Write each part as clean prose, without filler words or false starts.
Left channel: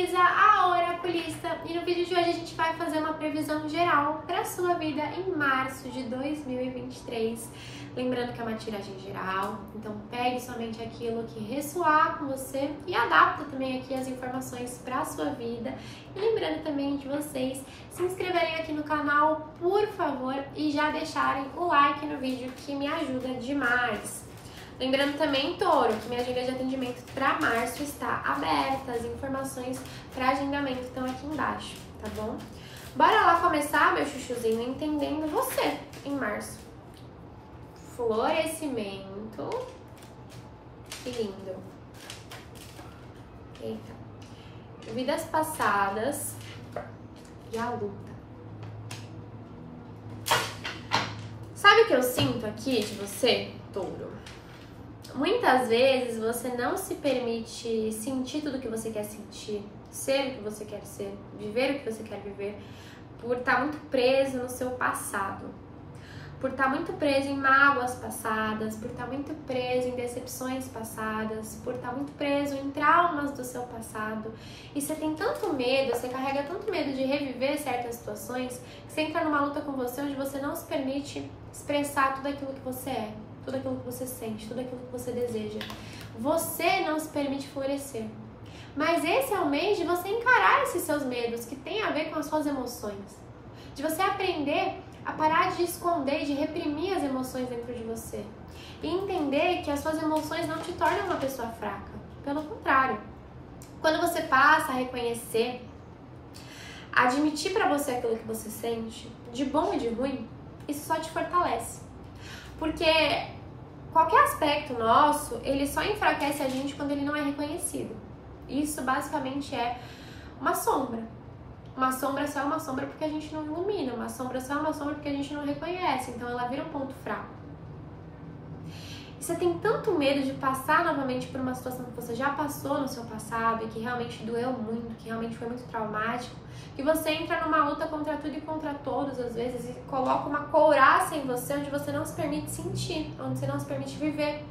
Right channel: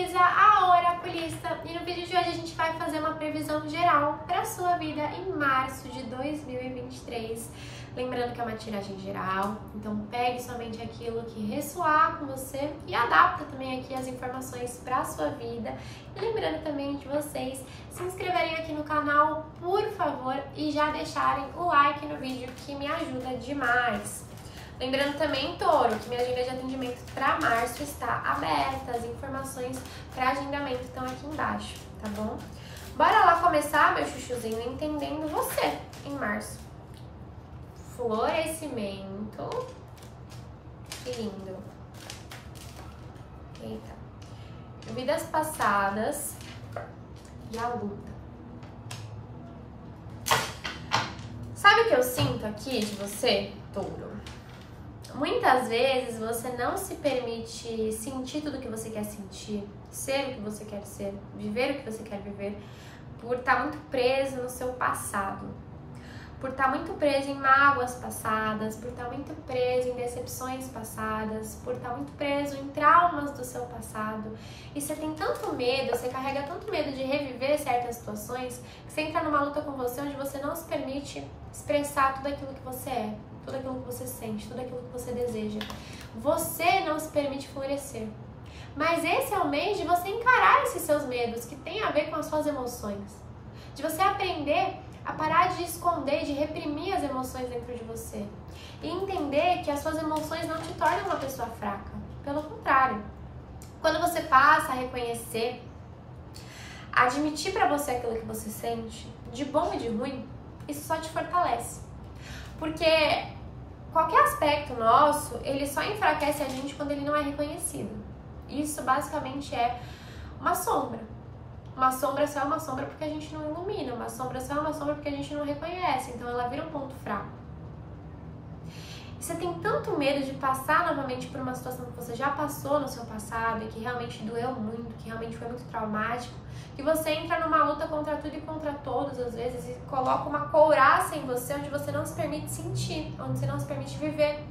Luísa, a oraculista, e no vídeo de hoje a gente vai fazer uma previsão geral para a sua vida em março de 2023. Lembrando que é uma tiragem geral, então pegue somente aquilo que ressoar com você e adapta também aqui as informações para a sua vida. E lembrando também de vocês se inscreverem aqui no canal, por favor, e já deixarem o like no vídeo, que me ajuda demais. Lembrando também, Touro, que minha agenda de atendimento para março está aberta, as informações para agendamento estão aqui embaixo, tá bom? Bora lá começar, meu chuchuzinho, entendendo você em março. Florescimento. Que lindo. Eita. Vidas passadas e a luta. Sabe o que eu sinto aqui de você, Touro? Muitas vezes você não se permite sentir tudo o que você quer sentir, ser o que você quer ser, viver o que você quer viver, por estar muito preso no seu passado, por estar muito preso em mágoas passadas, por estar muito preso em decepções passadas, por estar muito preso em traumas do seu passado. E você tem tanto medo, você carrega tanto medo de reviver certas situações, que você entra numa luta com você onde você não se permite expressar tudo aquilo que você é, tudo aquilo que você sente, tudo aquilo que você deseja. Você não se permite florescer. Mas esse é o mês de você encarar esses seus medos, que tem a ver com as suas emoções. De você aprender a parar de esconder, de reprimir as emoções dentro de você. E entender que as suas emoções não te tornam uma pessoa fraca. Pelo contrário. Quando você passa a reconhecer, a admitir pra você aquilo que você sente, de bom e de ruim, isso só te fortalece. Porque qualquer aspecto nosso, ele só enfraquece a gente quando ele não é reconhecido. Isso basicamente é uma sombra. Uma sombra só é uma sombra porque a gente não ilumina. Uma sombra só é uma sombra porque a gente não reconhece. Então ela vira um ponto fraco. E você tem tanto medo de passar novamente por uma situação que você já passou no seu passado e que realmente doeu muito, que realmente foi muito traumático, que você entra numa luta contra tudo e contra todos, às vezes, e coloca uma couraça em você onde você não se permite sentir, onde você não se permite viver.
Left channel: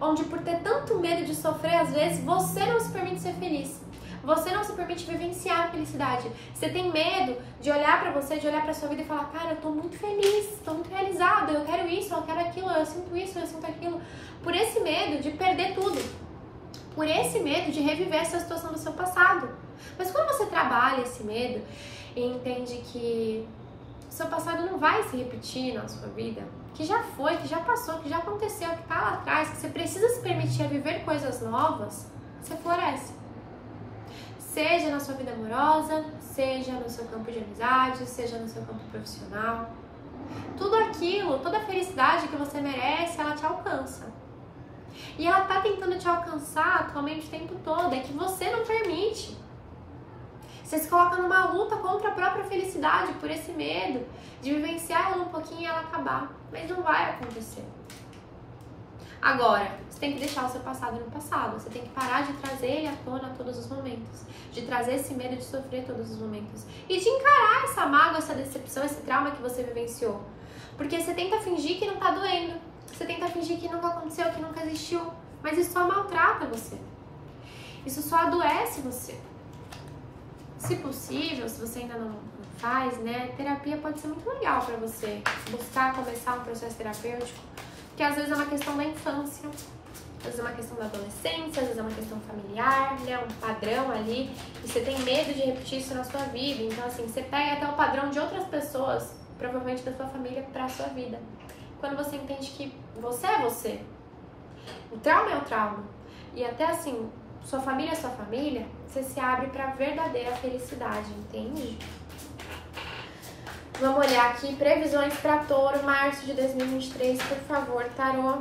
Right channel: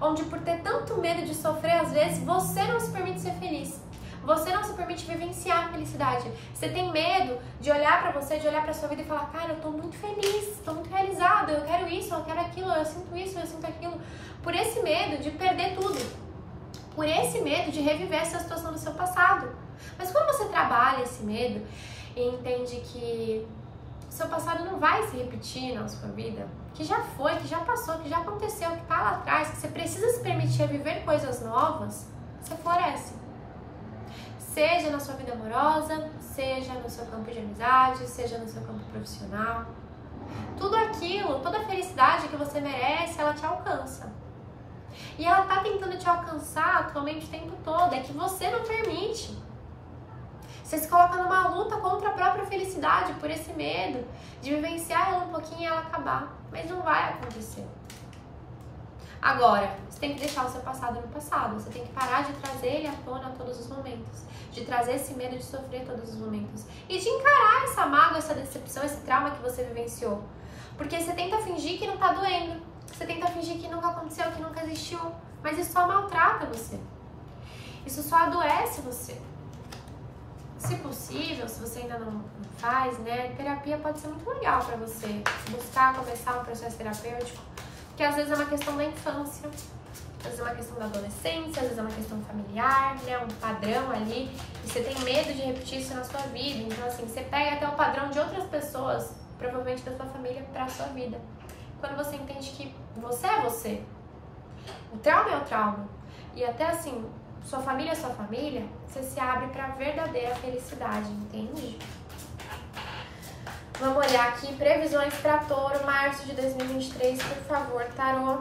Onde por ter tanto medo de sofrer, às vezes, você não se permite ser feliz. Você não se permite vivenciar a felicidade. Você tem medo de olhar pra você, de olhar pra sua vida e falar: cara, eu tô muito feliz, tô muito realizado, eu quero isso, eu quero aquilo, eu sinto isso, eu sinto aquilo. Por esse medo de perder tudo. Por esse medo de reviver essa situação do seu passado. Mas quando você trabalha esse medo e entende que o seu passado não vai se repetir na sua vida, que já foi, que já passou, que já aconteceu, que tá lá atrás, que você precisa se permitir viver coisas novas, você floresce. Seja na sua vida amorosa, seja no seu campo de amizade, seja no seu campo profissional. Tudo aquilo, toda a felicidade que você merece, ela te alcança. E ela tá tentando te alcançar atualmente o tempo todo, é que você não permite. Você se coloca numa luta contra a própria felicidade, por esse medo de vivenciar ela um pouquinho e ela acabar. Mas não vai acontecer. Agora, você tem que deixar o seu passado no passado. Você tem que parar de trazer ele à tona a todos os momentos. De trazer esse medo de sofrer todos os momentos. E de encarar essa mágoa, essa decepção, esse trauma que você vivenciou. Porque você tenta fingir que não tá doendo. Você tenta fingir que nunca aconteceu, que nunca existiu. Mas isso só maltrata você. Isso só adoece você. Se possível, se você ainda não faz, né? Terapia pode ser muito legal pra você. Buscar começar um processo terapêutico. Que às vezes é uma questão da infância, às vezes é uma questão da adolescência, às vezes é uma questão familiar, né? Um padrão ali, e você tem medo de repetir isso na sua vida. Então, assim, você pega até o padrão de outras pessoas, provavelmente da sua família, pra sua vida. Quando você entende que você é você, o trauma é o trauma, e até assim, sua família é sua família, você se abre pra verdadeira felicidade, entende? Vamos olhar aqui, previsões para Touro, março de 2023, por favor, tarô.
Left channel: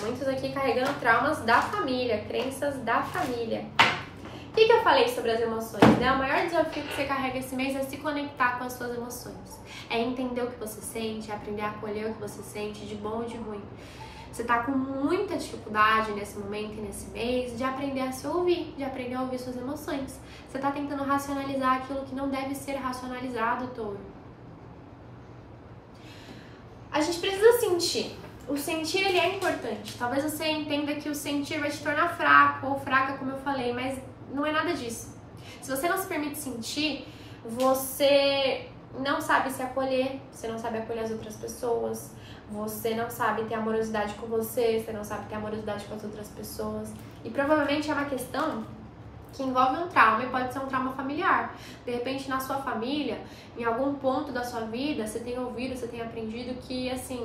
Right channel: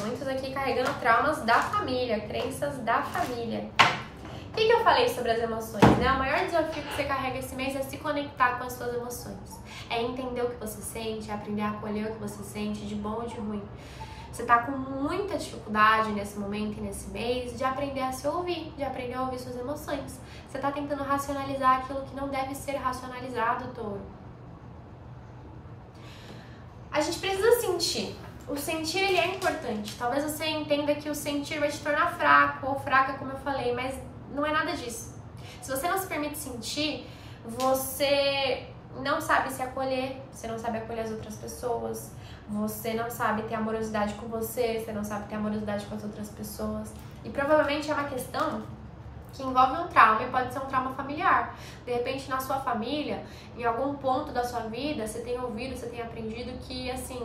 Muitos aqui carregando traumas da família, crenças da família. O que eu falei sobre as emoções, né? O maior desafio que você carrega esse mês é se conectar com as suas emoções. É entender o que você sente, é aprender a acolher o que você sente, de bom e de ruim. Você tá com muita dificuldade nesse momento e nesse mês de aprender a se ouvir, de aprender a ouvir suas emoções. Você tá tentando racionalizar aquilo que não deve ser racionalizado, Touro. A gente precisa sentir. O sentir, ele é importante. Talvez você entenda que o sentir vai te tornar fraco ou fraca, como eu falei, mas não é nada disso. Se você não se permite sentir, você não sabe se acolher, você não sabe acolher as outras pessoas, você não sabe ter amorosidade com você não sabe ter amorosidade com as outras pessoas. E provavelmente é uma questão que envolve um trauma e pode ser um trauma familiar. De repente, na sua família, em algum ponto da sua vida, você tem ouvido, você tem aprendido que, assim,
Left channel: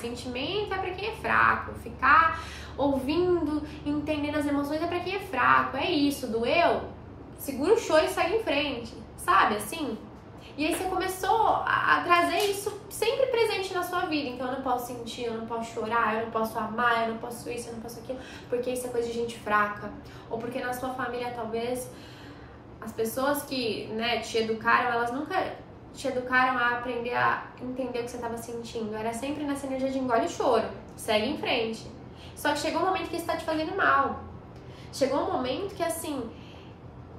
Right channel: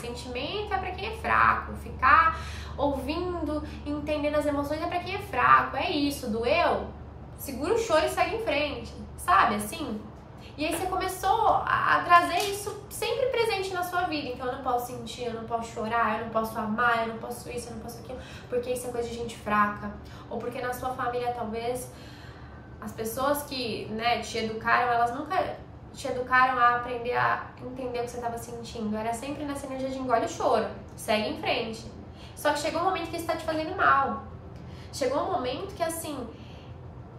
sentimento é pra quem é fraco. Ficar ouvindo, entendendo as emoções é pra quem é fraco. É isso, doeu? Segura o choro e segue em frente, sabe, assim? E aí você começou a trazer isso sempre presente na sua vida. Então eu não posso sentir, eu não posso chorar, eu não posso amar, eu não posso isso, eu não posso aquilo, porque isso é coisa de gente fraca. Ou porque na sua família, talvez, as pessoas que, né, te educaram, elas nunca te educaram a aprender a entender o que você estava sentindo. Era sempre nessa energia de engole o choro, segue em frente. Só que chegou um momento que isso está te fazendo mal. Chegou um momento que, assim,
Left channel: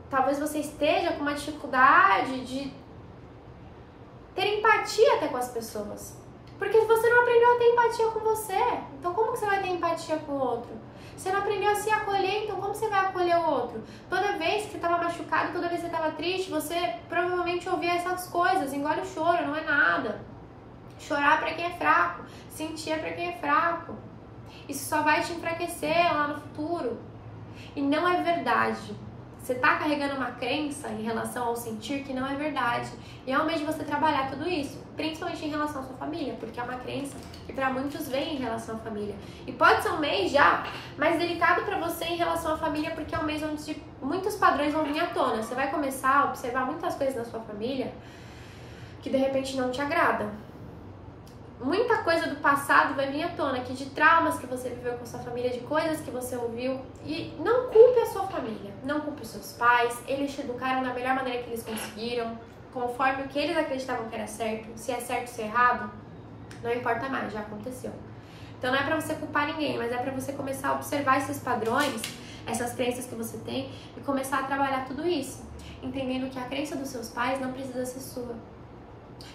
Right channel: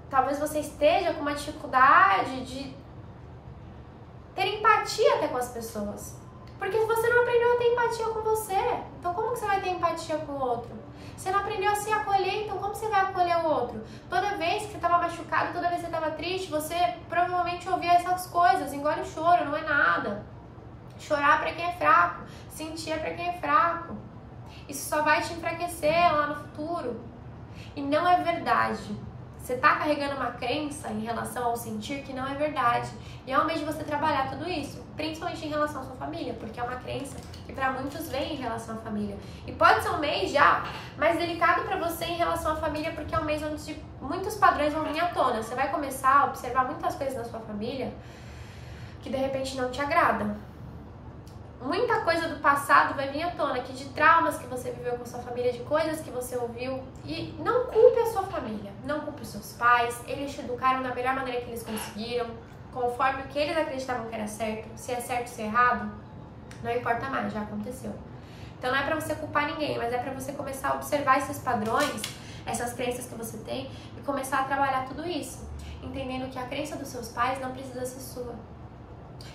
talvez você esteja com uma dificuldade de ter empatia até com as pessoas. Porque você não aprendeu a ter empatia com você. Então como que você vai ter empatia com o outro? Você não aprendeu a se acolher, então como você vai acolher o outro? Toda vez que você estava machucado, toda vez que você estava triste, você provavelmente ouvia essas coisas. Engole o choro, não é nada. Chorar pra quem é fraco. Sentir é pra quem é fraco. Isso só vai te enfraquecer lá no futuro. E não é verdade. Você tá carregando uma crença em relação ao sentir que não é verdade. E é o mês de você trabalhar tudo isso, principalmente em relação à sua família, porque é uma crença que para muitos vem em relação à família. E pode ser um mês já mais delicado para você em relação à família, porque é um mês onde muitos padrões vão vir à tona. Você vai começar a observar muitas coisas na sua família que de repente não te agradam. Muita coisa do passado vai vir à tona, que de traumas que você viveu com sua família, de coisas que você ouviu. E não culpe a sua família, não culpe os seus pais. Eles te educaram da melhor maneira que eles conseguiram, conforme o que eles acreditavam que era certo. Se é certo, se é errado, não importa mais, já aconteceu. Então não é pra você culpar ninguém, mas é pra você começar a observar esses padrões, essas crenças que você tem e começar a trabalhar tudo isso, entendendo que a crença dos seus pais não precisa ser sua.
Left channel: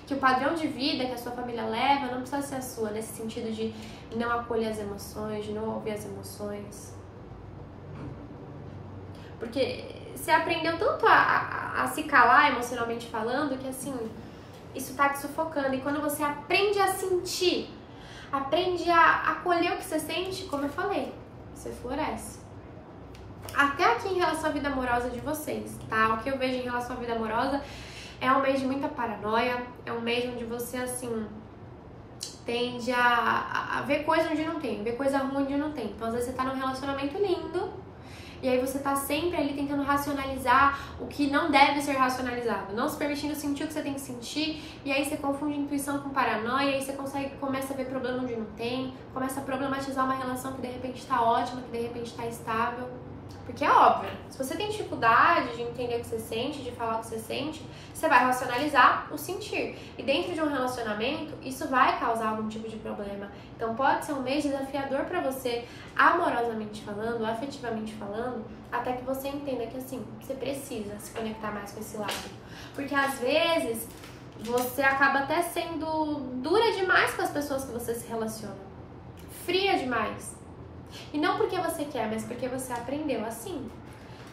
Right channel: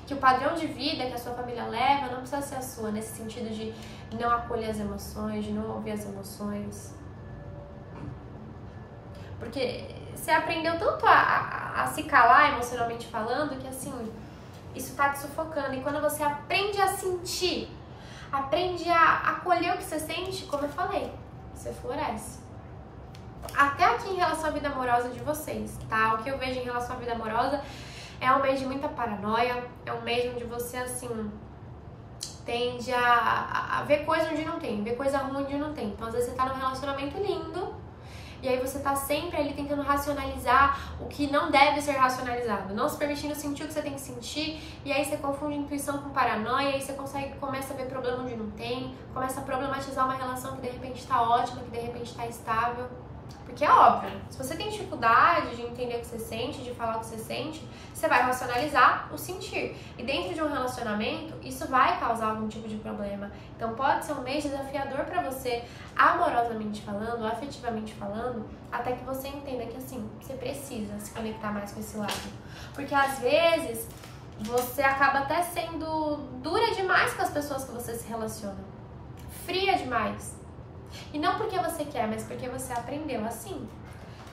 Que o padrão de vida que a sua família leva não precisa ser a sua, nesse sentido de não acolher as emoções, de não ouvir as emoções. Porque você aprendeu tanto a se calar emocionalmente falando que, assim, isso tá te sufocando. E quando você aprende a sentir, aprende a acolher o que você sente, como eu falei, você floresce. Até aqui em relação à vida amorosa de vocês, tá? O que eu vejo em relação à vida amorosa é um mês de muita paranoia, é um mês onde você, assim, tende a ver coisa onde não tem, ver coisa ruim onde não tem. Então, às vezes, você tá num relacionamento lindo, e aí você tá sempre ali tentando racionalizar o que não deve ser racionalizado, não se permitindo sentir o que você tem que sentir, e aí você confunde intuição com paranoia, e aí você começa a ver problema onde não tem, começa a problematizar uma relação que de repente tá ótima, que de repente tá estável. Porque é óbvio, se você tem dificuldade de entender o que você sente, de falar o que você sente, você vai racionalizar o sentir. E dentro de um relacionamento, isso vai causar algum tipo de problema. Então pode ser um mês desafiador pra você, amorosamente falando, afetivamente falando, até que você entenda que, assim, você precisa se conectar mais com esse lado. Porque às vezes você acaba até sendo dura demais com as pessoas que você se relaciona. Fria demais. E não porque você quer, mas porque você aprendeu assim.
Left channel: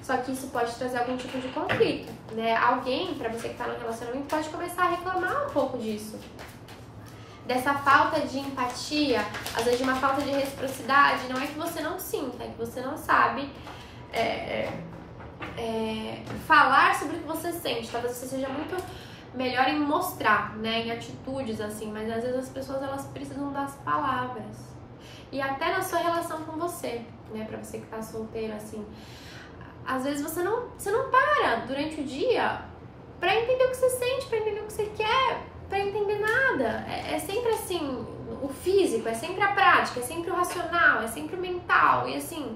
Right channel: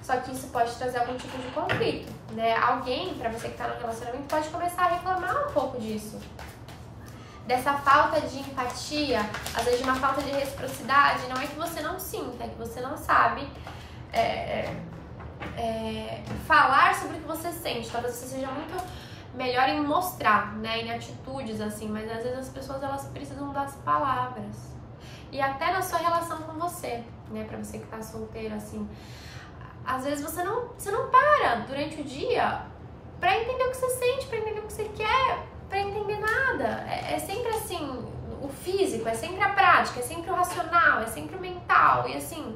Só que isso pode trazer algum tipo de conflito, né? Alguém, pra você que tá no relacionamento, pode começar a reclamar um pouco disso. Dessa falta de empatia, às vezes de uma falta de reciprocidade. Não é que você não sinta, é que você não sabe falar sobre o que você sente. Talvez você seja muito melhor em mostrar, né? Em atitudes, assim. Mas às vezes as pessoas, elas precisam das palavras. E até na sua relação com você, né? Pra você que tá solteiro, assim. Às vezes você não para durante o dia pra entender o que você sente, pra entender o que você quer, pra entender nada. É sempre assim, o físico, é sempre a prática, é sempre o racional, é sempre o mental. E assim,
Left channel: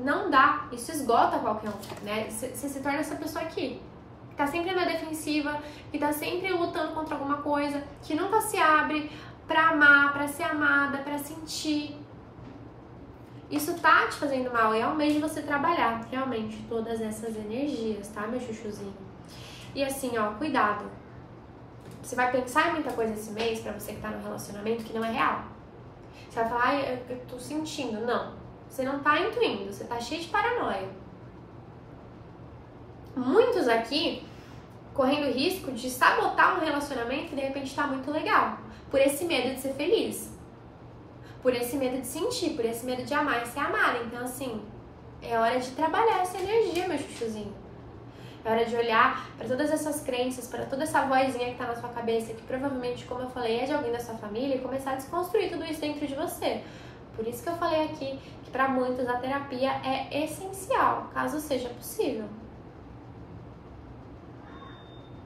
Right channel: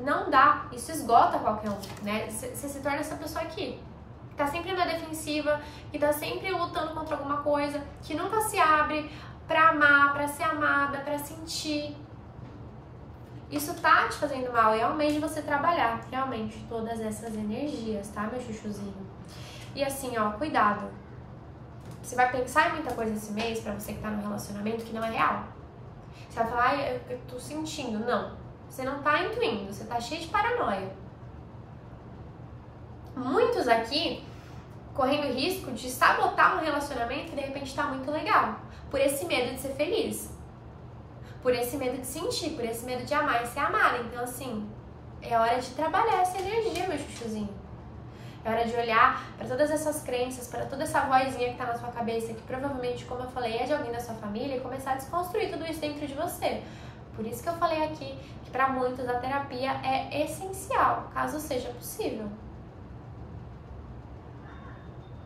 não dá. Isso esgota qualquer um, né? Você se torna essa pessoa aqui, que tá sempre na defensiva, que tá sempre lutando contra alguma coisa, que nunca se abre pra amar, pra ser amada, pra sentir. Isso tá te fazendo mal e é um mês de você trabalhar realmente todas essas energias, tá, meu chuchuzinho? E assim, ó, cuidado. Você vai pensar em muita coisa esse mês, pra você que tá no relacionamento, que não é real. Você vai falar, eu tô sentindo. Não. Você não tá intuindo, você tá cheio de paranoia. Muitos aqui correndo risco de sabotar um relacionamento que de repente tá muito legal. Por esse medo de ser feliz. Por esse medo de sentir, por esse medo de amar e ser amada. Então, assim, é hora de trabalhar essa energia, meu chuchuzinho. É hora de olhar para todas essas crenças, para toda essa vozinha que tá na sua cabeça, que provavelmente, como eu falei, é de alguém da sua família, e começar a desconstruir tudo isso dentro de você. Por isso que eu falei aqui que para muitos a terapia é essencial, caso seja possível.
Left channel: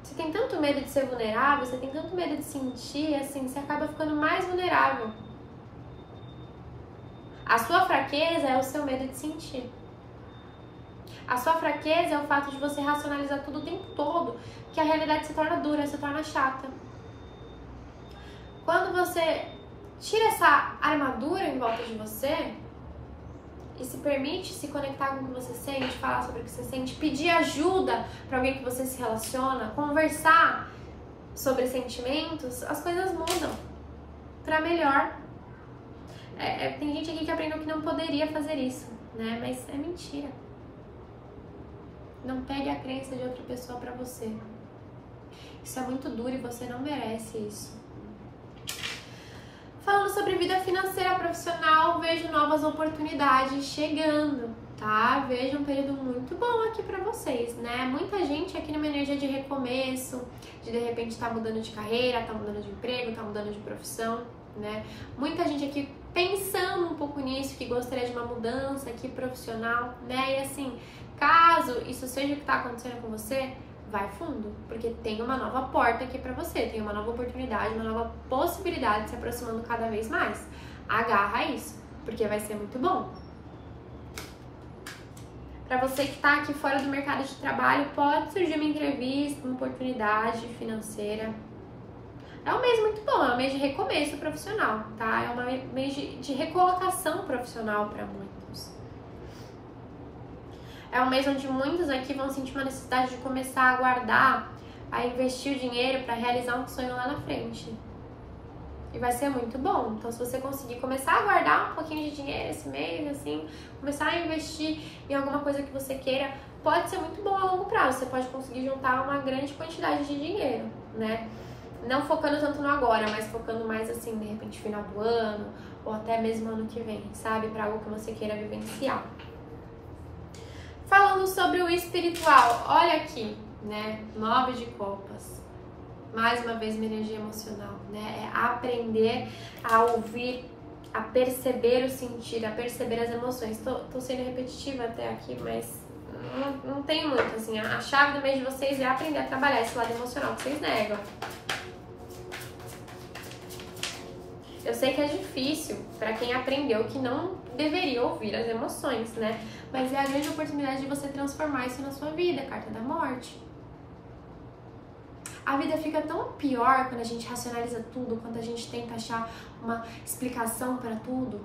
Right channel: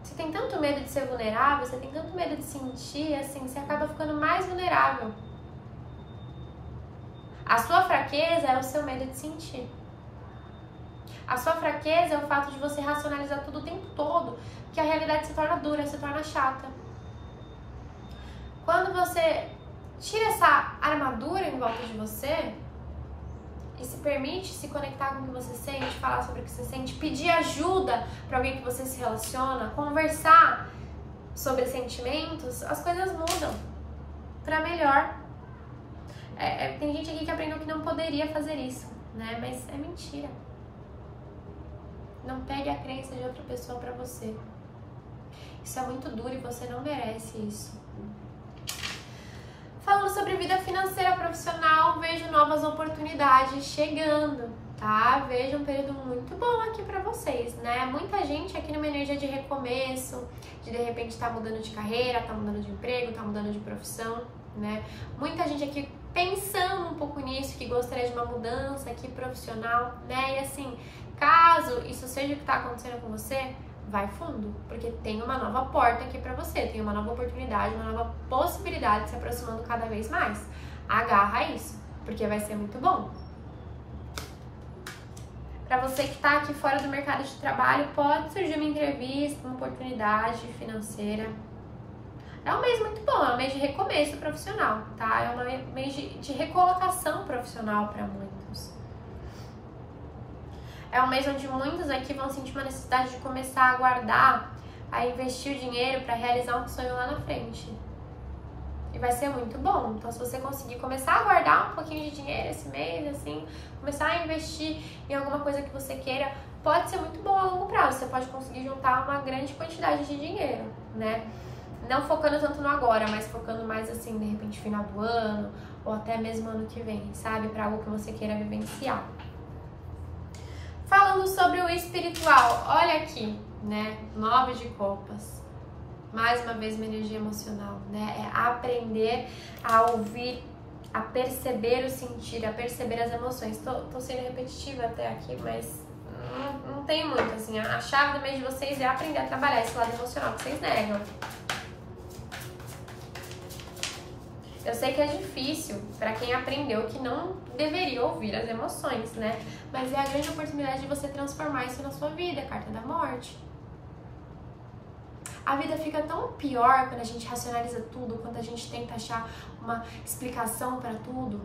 Você tem tanto medo de ser vulnerável, você tem tanto medo de sentir, assim, você acaba ficando mais vulnerável. A sua fraqueza é o seu medo de sentir. A sua fraqueza é o fato de você racionalizar tudo o tempo todo, que a realidade se torna dura, se torna chata. Quando você tira essa armadura em volta de você e se permite se conectar com o que você sente, falar sobre o que você sente, pedir ajuda para alguém que você se relaciona, conversar sobre sentimentos, as coisas mudam para melhor. Tem gente aqui que aprendeu que não poderia fazer isso, né? Mas é mentira. Não pegue a crença de outra pessoa pra você. Isso é muito duro e você não merece isso. Falando sobre vida financeira profissional, vejo novas oportunidades chegando, tá? Vejo um período muito bom aqui pra vocês, né? Muita gente aqui numa energia de recomeço, de repente tá mudando de carreira, tá mudando de emprego, tá mudando de profissão, né? Muita gente aqui pensando um pouco nisso, que gostaria de uma mudança aqui profissional, né? E assim, caso isso seja o que tá acontecendo com você, vai fundo, porque tem uma nova porta aqui pra você, tem uma nova oportunidade, uma nova possibilidade se aproximando cada vez mais. Agarra isso, porque vai ser muito bom. Pra você que tá aqui fora do mercado de trabalho, pode surgir uma entrevista, uma oportunidade financeira. É um mês muito bom, é um mês de recomeço profissional, tá? É um mês de recolocação profissional para muitos. É um mês onde muitos aqui vão sentir uma necessidade de começar a guardar, a investir o dinheiro para realizar um sonho lá na frente. E vai ser muito bom. Então, se você conseguir começar a guardar um pouquinho de dinheiro esse mês, assim, começar a investir em alguma coisa que você queira, pode ser muito bom a longo prazo. Você pode conseguir juntar uma grande quantidade de dinheiro, né? Não focando tanto no agora, mas focando mais assim, de repente, final do ano, ou até mesmo ano que vem, sabe? Para algo que você queira vivenciar. Falando sobre o espiritual, olha aqui, né? 9 de copas. Mais uma vez, uma energia emocional, né? É aprender a ouvir, a perceber o sentir, a perceber as emoções. Tô sendo repetitiva até aqui, mas não tem muito, assim. A chave do mês de vocês é aprender a trabalhar esse lado emocional que vocês negam. Eu sei que é difícil para quem aprendeu que não deveria ouvir as emoções, né? Mas é a grande oportunidade de você transformar isso na sua vida, carta da morte. A vida fica tão pior quando a gente racionaliza tudo, quando a gente tenta achar uma explicação para tudo,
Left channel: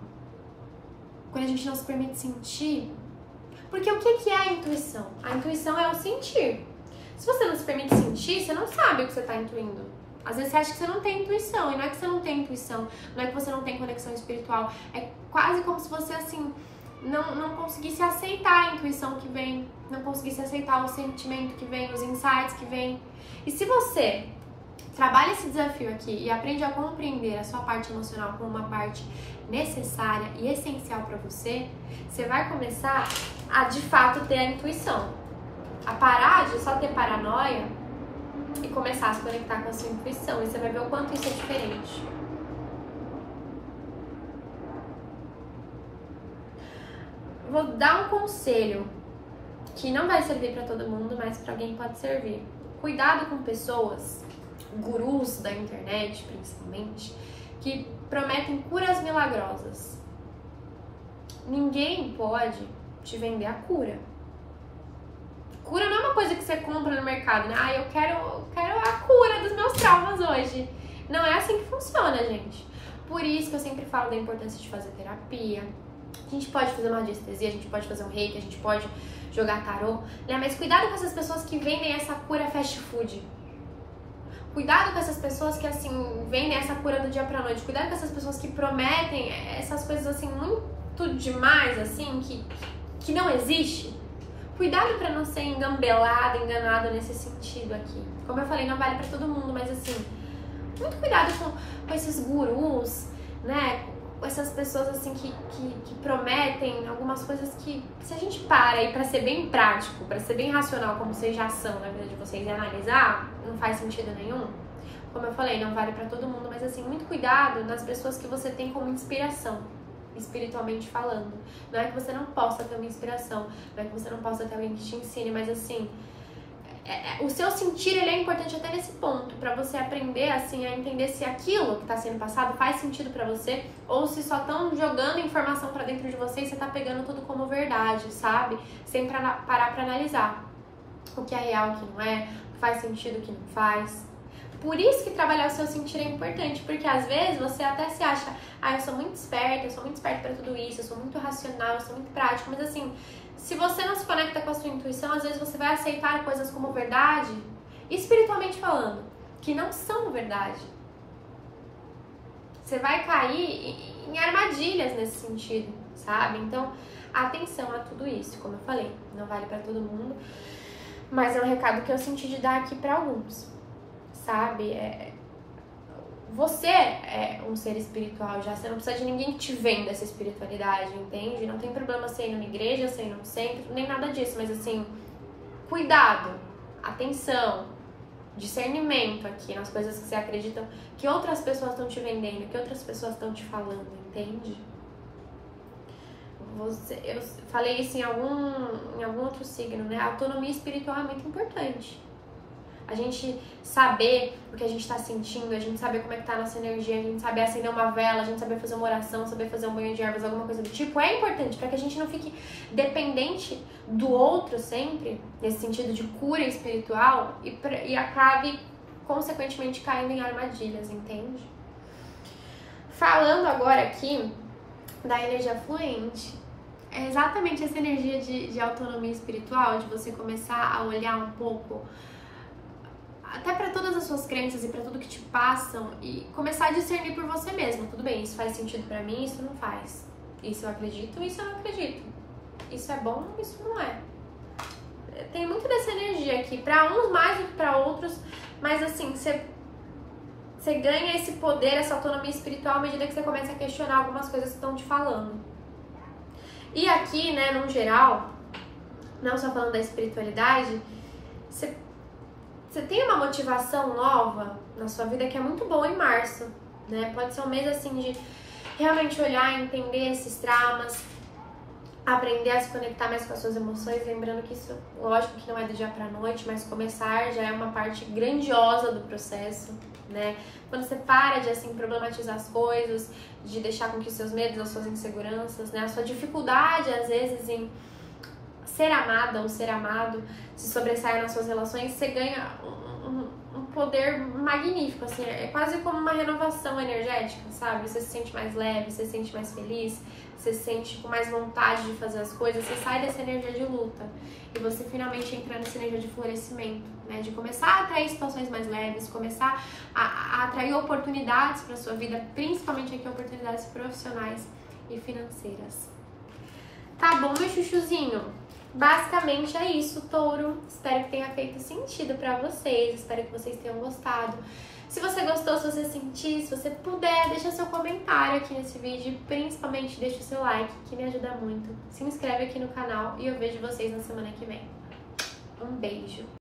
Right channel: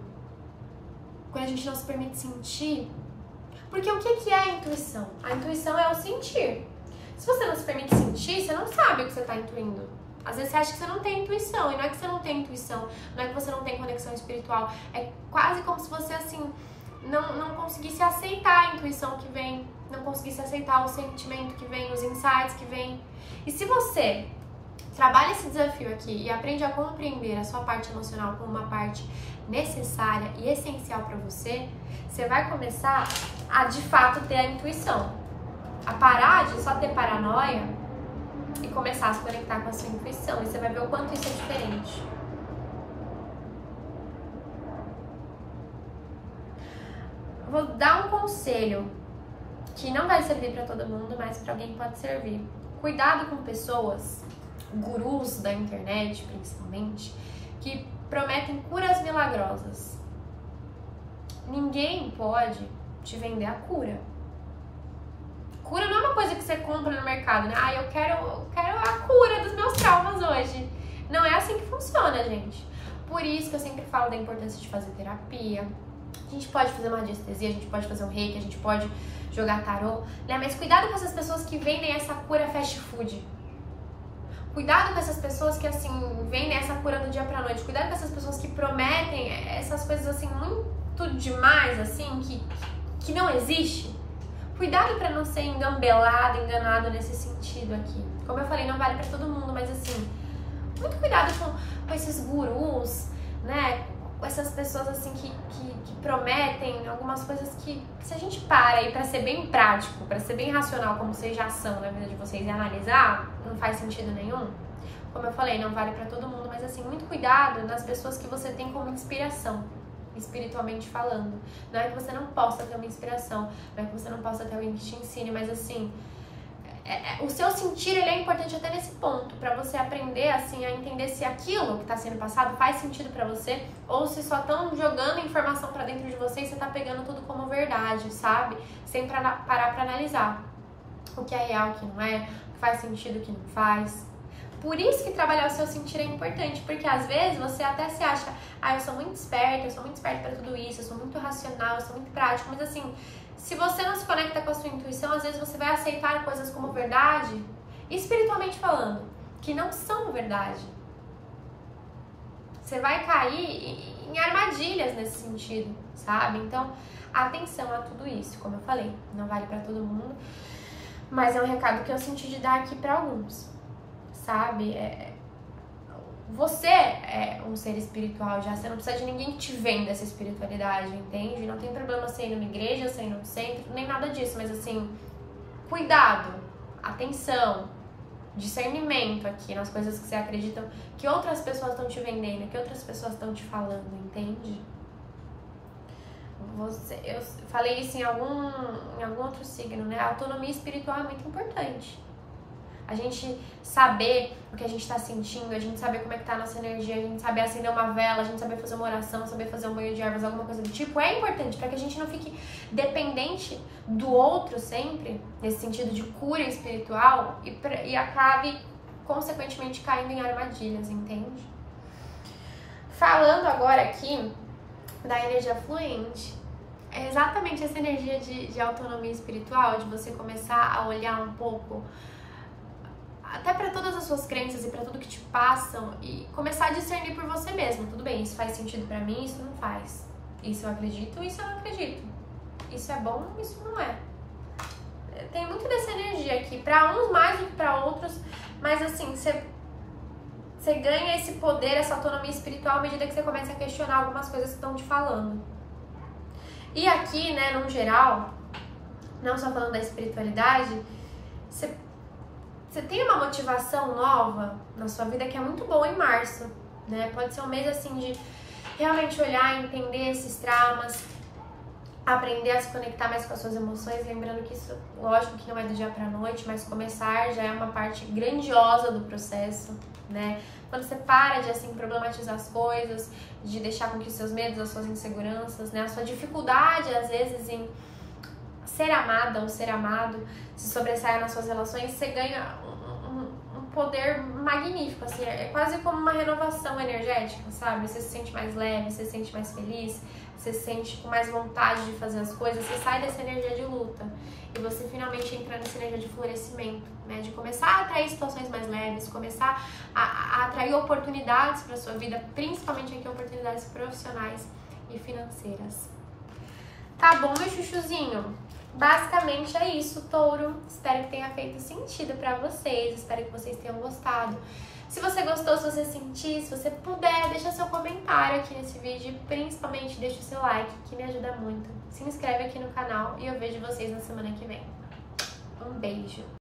quando a gente não se permite sentir. Porque o que é a intuição? A intuição é o sentir. Se você não se permite sentir, você não sabe o que você está intuindo. Às vezes você acha que você não tem intuição, e não é que você não tem intuição, não é que você não tem conexão espiritual, é quase como se você, assim, não conseguisse aceitar a intuição que vem, não conseguisse aceitar o sentimento que vem, os insights que vem. E se você trabalha esse desafio aqui e aprende a compreender a sua parte emocional como uma parte necessária e essencial para você, você vai começar a, de fato, ter a intuição. A parar de só ter paranoia e começar a se conectar com a sua intuição. E você vai ver o quanto isso é diferente. Vou dar um conselho que não vai servir para todo mundo, mas para alguém pode servir. Cuidado com pessoas, gurus da internet principalmente, que prometem curas milagrosas. Ninguém pode te vender a cura. Cura não é uma coisa que você compra no mercado, né? Ah, eu quero a cura dos meus traumas hoje. Não é assim que funciona, gente. Por isso que eu sempre falo da importância de fazer terapia. A gente pode fazer uma radiestesia, a gente pode fazer um reiki, a gente pode jogar tarô, né? Mas cuidado com essas pessoas que vendem essa cura fast food. Cuidado com essas pessoas que, assim, vendem essa cura do dia pra noite. Cuidado com essas pessoas que prometem essas coisas, assim, muito demais, assim, que não existe. Cuidado pra não ser engambelado, enganado nesse sentido aqui. Como eu falei, não vale pra todo mundo, mas, assim, muito cuidado com esses gurus, né? Com essas pessoas, assim, que prometem algumas coisas que, se a gente para aí pra ser bem prático, pra ser bem racional, como vocês já são na vida de vocês, e analisar, não faz sentido nenhum. Como eu falei, não vale pra todo mundo, mas, assim, muito cuidado nas pessoas que você tem como inspiração, espiritualmente falando. Não é que você não possa ter uma inspiração, não é que você não possa ter alguém que te ensine, mas, assim, o seu sentir, ele é importante até nesse ponto, pra você aprender, assim, a entender se aquilo que tá sendo passado faz sentido pra você, ou se só estão jogando informação pra dentro de você e você tá pegando tudo como verdade, sabe? Sem parar pra analisar o que é real, o que não é, o que faz sentido, o que não faz. Por isso que trabalhar o seu sentir é importante, porque às vezes você até se acha, eu sou muito esperta pra tudo isso, eu sou muito racional, eu sou muito prático, mas, assim, se você não se conecta com a sua intuição, às vezes você vai aceitar coisas como verdade, espiritualmente falando, que não são verdade. Você vai cair em armadilhas nesse sentido, sabe? Então, atenção a tudo isso, como eu falei, não vale pra todo mundo, mas é um recado que eu senti de dar aqui pra alguns, sabe? Você é um ser espiritual já, você não precisa de ninguém que te venda essa espiritualidade, entende? Não tem problema você ir numa igreja, você ir num centro, nem nada disso, mas, assim, cuidado, atenção, discernimento aqui nas coisas que você acredita que outras pessoas estão te vendendo, que outras pessoas estão te falando, entende? Eu falei isso em algum outro signo, né? A autonomia espiritual é muito importante. A gente saber o que a gente tá sentindo, a gente saber como é que tá a nossa energia, a gente saber acender uma vela, a gente saber fazer uma oração, saber fazer um banho de ervas, alguma coisa do tipo, é importante para que a gente não fique dependente do outro sempre, nesse sentido de cura espiritual, e acabe, consequentemente, caindo em armadilhas, entende? Falando agora aqui da energia fluente, é exatamente essa energia de autonomia espiritual, de você começar a olhar um pouco até para todas as suas crenças e para tudo que te passam e começar a discernir por você mesmo. Tudo bem, isso faz sentido para mim, isso não faz. Isso eu acredito, isso eu não acredito. Isso é bom, isso não é. Tem muito dessa energia aqui, para uns mais do que para outros, mas, assim, você ganha esse poder, essa autonomia espiritual à medida que você começa a questionar algumas coisas que estão te falando. E aqui, né, no geral, não só falando da espiritualidade, você tem uma motivação nova na sua vida que é muito boa em março, né? Pode ser um mês, assim, de realmente olhar, entender esses traumas, aprender a se conectar mais com as suas emoções, lembrando que isso, lógico que não é do dia pra noite, mas começar já é uma parte grandiosa do processo, né? Quando você para de, assim, problematizar as coisas, de deixar com que os seus medos, as suas inseguranças, né? A sua dificuldade, às vezes, em ser amada ou ser amado se sobressaia nas suas relações, você ganha um poder magnífico, assim, é quase como uma renovação energética, sabe? Você se sente mais leve, você se sente mais feliz, você se sente com mais vontade de fazer as coisas, você sai dessa energia de luta e você finalmente entra nessa energia de florescimento, né? De começar a atrair situações mais leves, começar a atrair oportunidades para sua vida, principalmente aqui oportunidades profissionais e financeiras. Tá bom, meu chuchuzinho? Basicamente é isso, Touro. Espero que tenha feito sentido pra vocês, espero que vocês tenham gostado. Se você gostou, se você sentir, se você puder, deixa seu comentário aqui nesse vídeo e principalmente deixa o seu like, que me ajuda muito. Se inscreve aqui no canal e eu vejo vocês na semana que vem. Um beijo!